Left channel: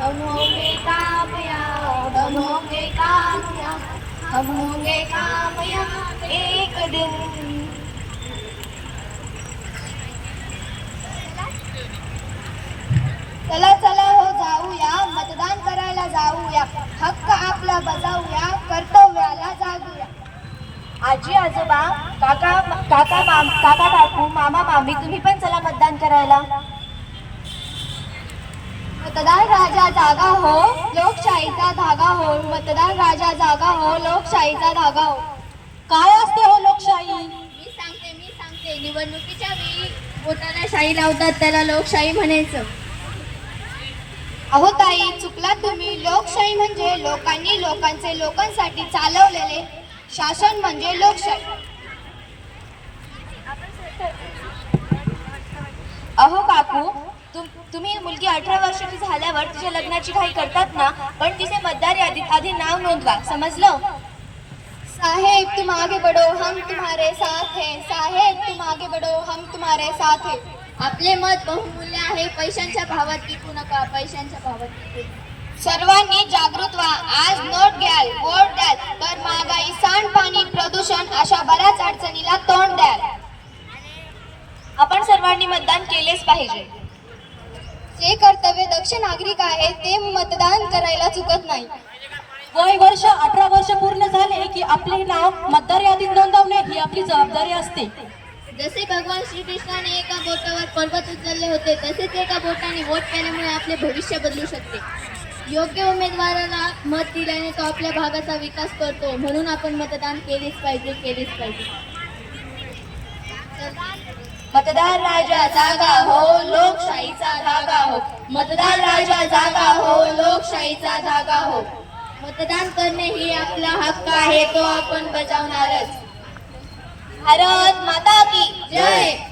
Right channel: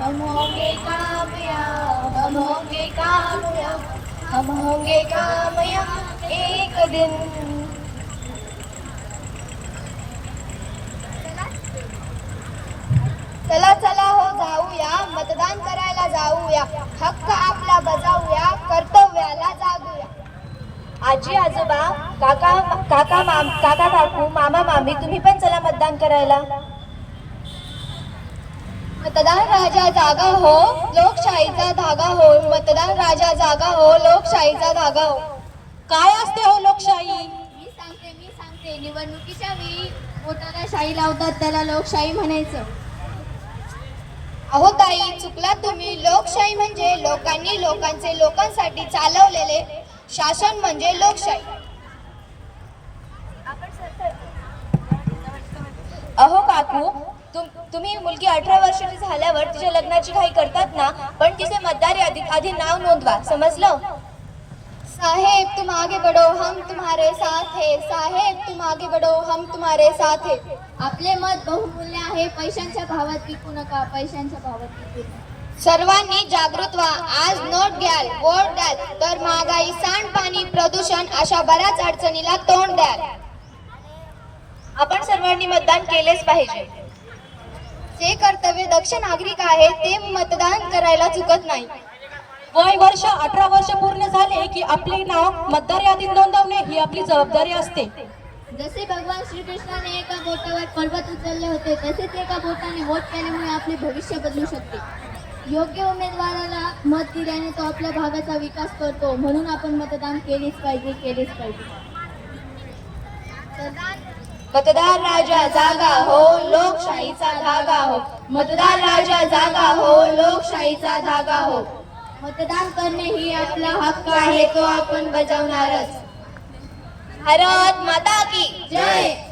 हम होंगे कामयाब हम होंगे कामयाब हम होंगे कामयाब एक दिन चला चला हो जाऊया. मतदान करायला जाऊया. हक्क आपला बजावूया. कर्तव्याला जागूया. आजी आजोबा काका काका माम काका काकू मामा मामी तुम्ही पण चला मतदान करायला. मतदान राजा जागा हो लोकशाहीचा धागा हो. मतदान राजा जागा हो लोकशाहीचा धागा हो. काय असते हो लोकशाही? मी सांगते मी सांगते. निवडणुकीच्या वेळी पोटाला शाही लावतात त्याला लोकशाही म्हणायचं. अहो ताई चुकला तुम्ही. लोकशाही म्हणजे लोकांनी लोकांचे लोकांसाठी चालवलेले शासन म्हणजे लोकशाही. अहो काकू तुम्ही मुलगी अठरा वर्षाची झाल्यावर तिच्या लग्नाची घाई करतात ना पण तिचे मतदार यादीत आधी नाव नोंदवा समजलं? साहेब तुम आगे बढ़ो हम तुम्हारे साथ है। साहेब तुम आगे बढ़ो हम तुम्हारे साथ है। आपले मत बहुमूल्य आहे पैशांच्या भावात विकू नका पैशांच्या भावात विकू. सर्वांनी जागृत व्हा आज नोट घ्याल वोट द्याल तर महागाई सांडपाणी प्रदूषण अशा बऱ्याच अडचणीला तोंड द्याल. आपण सर्वांनी मतदान केलेच पाहिजे. जे कर्तव्य दक्ष नागरिक आहे ते मतदान करायला चुकत नाही. वय वर्ष अठरा वर्ष पूर्ण झाले की आपले नाव मतदार यादीत नोंदवणे ही आपली जबाबदारी असते. जसे भगवान श्रीकृष्णाने एका बोटावर पर्वत उचलले होते तसेच एका बोटाने वोट केल्यामुळे आपले भविष्य बदलू शकते. योग्य उमेदवाराला मत दिल्याने तो आपल्या भागाचा विकास करतो म्हणून आपण मतदान केलेच पाहिजे केलेच पाहिजे. मतदार राजा जागा हो लोकशाहीचा धागा हो. मतदार राजा जागा हो लोकशाहीचा धागा हो. मतदान करणे ही आपला हक्क आहे तो आपण बजावणारच. भारत माता की जय.